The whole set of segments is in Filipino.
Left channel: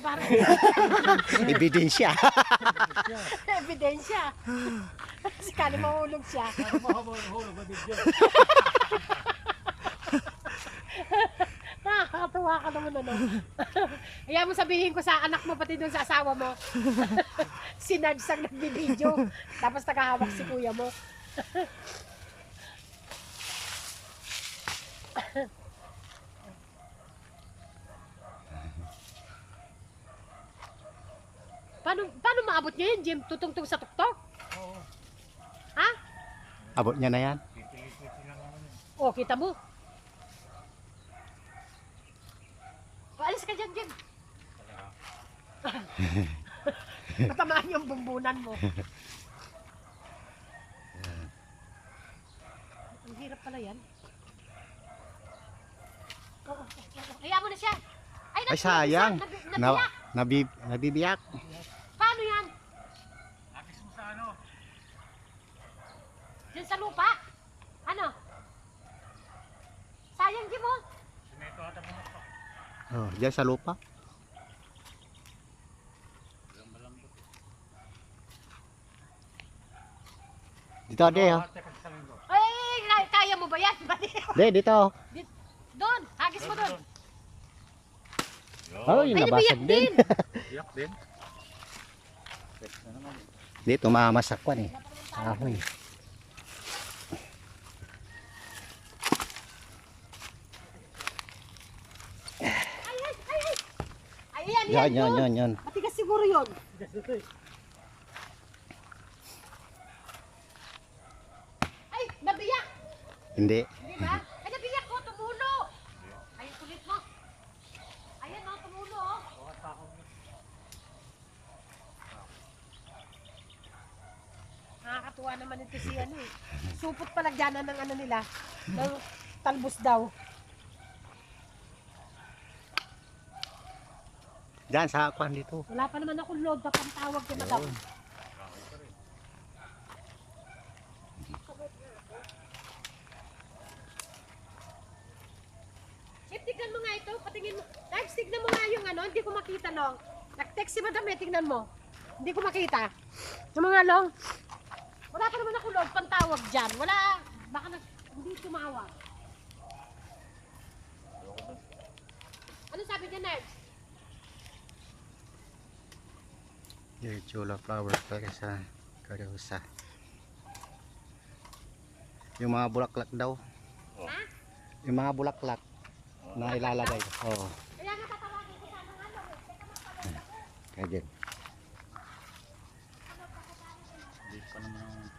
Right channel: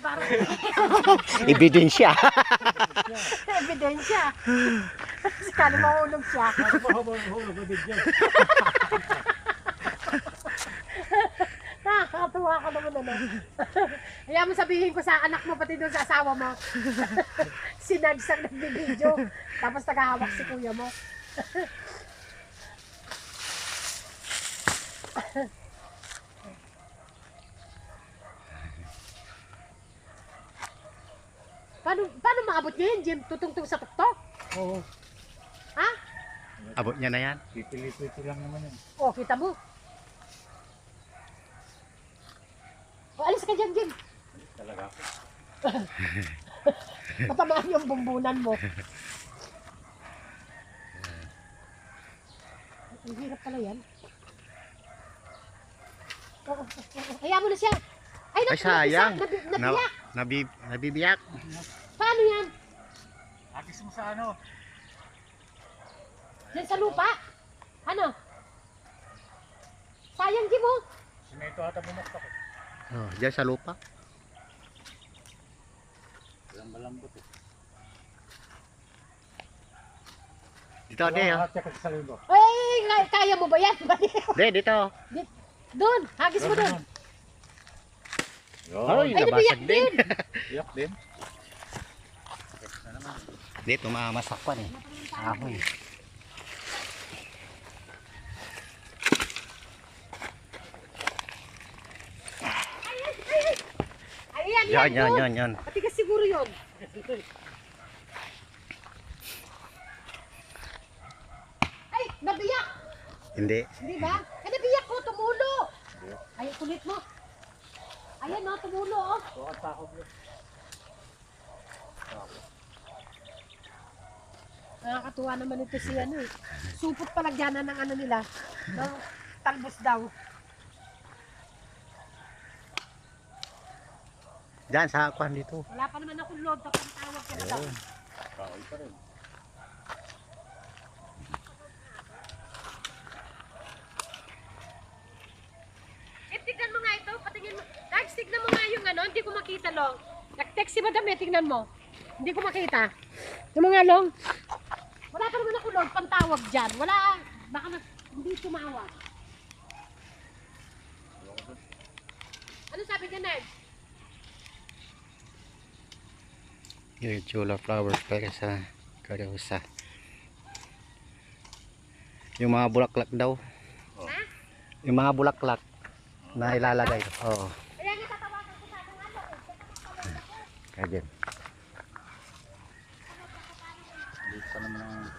Para Ebidensya. ebidensya. Sakali mahulog siya. Mahulog may video. Nakakatuwa ka naman ano. Kaya mo sabihin ko sa anak mo pati doon sa asawa mo. Si Nads ang nagbibideo. Tapos tagahawak si kuya mo. Paano maabot niya yun, Jim? Tutungtong sa tuktok? Oo. Ha? Abot niya na yan. Pipili-pili lang naman yun. O, kita mo. O, alis ka dyan, Jim. Talaga. Matamaan yung bumbunan mo. Ang hirap pala yan. Oo. Hayaan mo na siya. Ay, Ay, sayang. Nabiyak. Nabibiyak. Paano yan? Agis mo sa ano? Yan sa lupa? Ano? Sayang, Jim, oh. Simeto ata bumaktak. Oh, diyan sa lupa. Walang malambot eh. Dito, ade, oh. Check sa libo. Ay, kaya mo ba yan? De, dito. Doon, hagis mo doon. Ay, Ay, nabasag nabiyak din. din. Iyak din. Check na naman. Dito, mamasak pa eh. Ahoy. Ayan, Yan, yan, doon. yan, yan. Matigas siguro yun. Ay, nabiyak. Hindi. Hindi ba? Ay, nabiyak ko, tumulo. Ay, kulit mo. Ayan, no, tumulo, oh. Baka takot mo. Nakakatuwa naman ito si ano eh. Supot palagyanan ng ano nila. Ng talbos daw. Diyan, sa kwan dito. Wala pa naman akong load na pantawag ka na ba? Yun. Takot pa rin. Tignan mo nga ito, patingin mo. Guys, tignan mo nga yung ano, hindi ko makita, Long. Nag-text si Madam, tignan mo. Hindi ko makita. Yung mga Long. Wala pa naman ako load, pantawag dyan. Wala, baka hindi tumawag. Ano sabi niya, Ned? Yung chula flowers para sa karusa. Yung mga bulaklak daw. Ha? Yung mga bulaklak na ilalagay. Oo. Kaya nga tatawagan ko sana nga, Long. Teka, magpaload ako. Kaya Dito pa naman ang...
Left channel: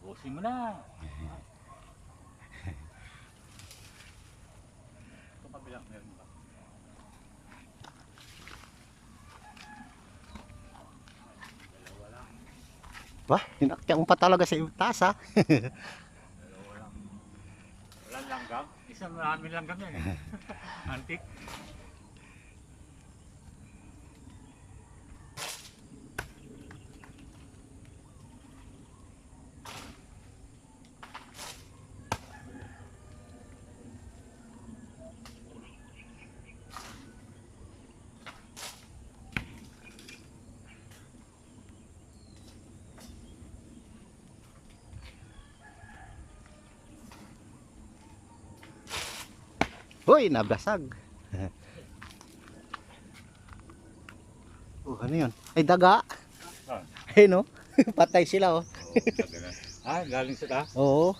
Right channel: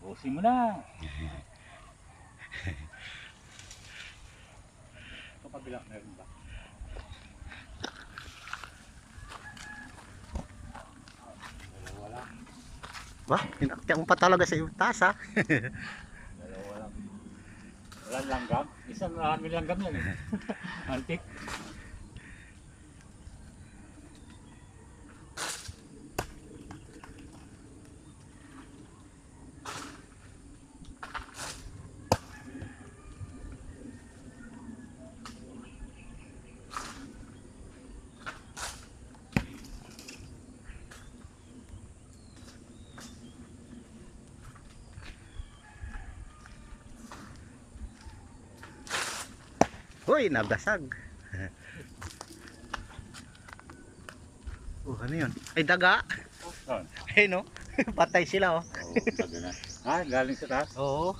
Busin mo na. Ito kabilang meron ba? Wala. Wah, inaktiyan pa talaga sa iyong taas ha. Wala. Walang langgam. Isang maraming langgam yan eh. Antik. Hoy, nabasag. Oh, ano yun? Ay, daga. Saan? Ay, no? Patay sila, oh. Oo, sabi na. Ah, galing sa taas. Oo.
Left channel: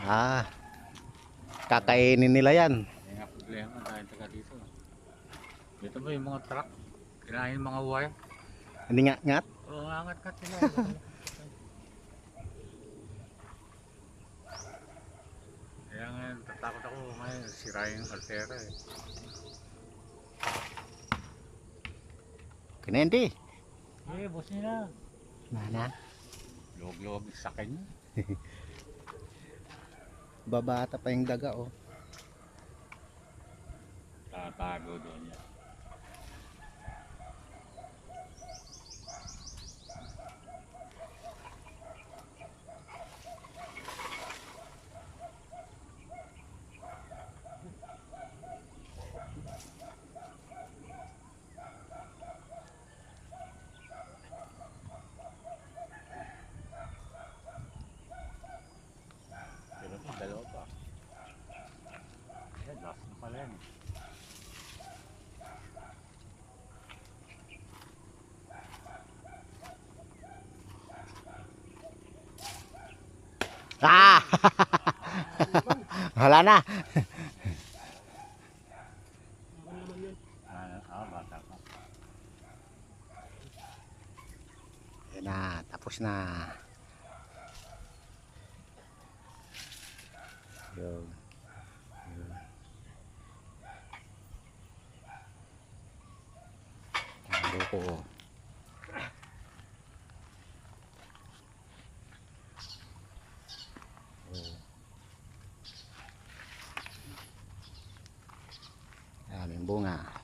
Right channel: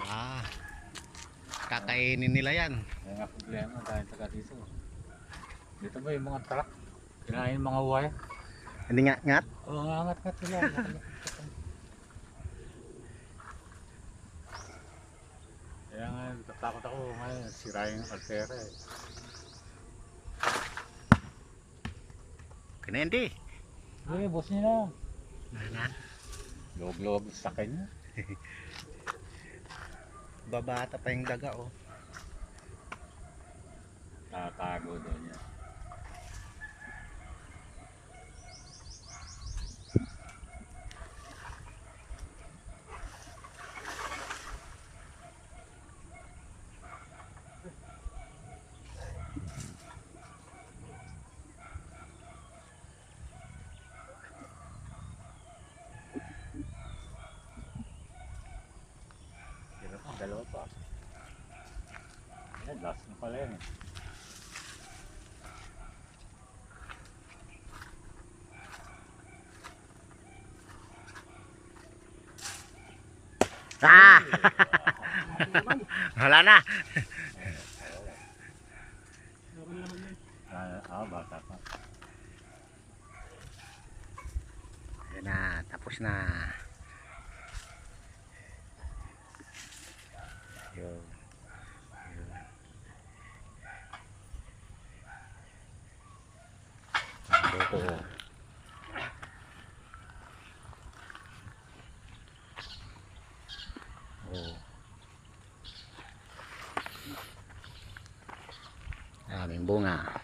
Ah. Kakainin nila yan. Yan nga problema dahil taga dito. Dito ba yung mga truck? Kinain yung mga wire? Hindi nga, ngat. Oo, angat-ngat sila. Kaya nga, tatakot ako ngayon. Sirayin yung altera eh. Kanindi. Eh, boss niya na. Nana. Log-log sa kanya. Babata pa yung daga oh. Tatago doon yan. Sino pa? Dalawa pa. Ayan, last na pala yan. Ah! Wala na. Bata pa. Ayan na, tapos na. Yun. Yun. Ang loko oh. Oh. Daming bunga.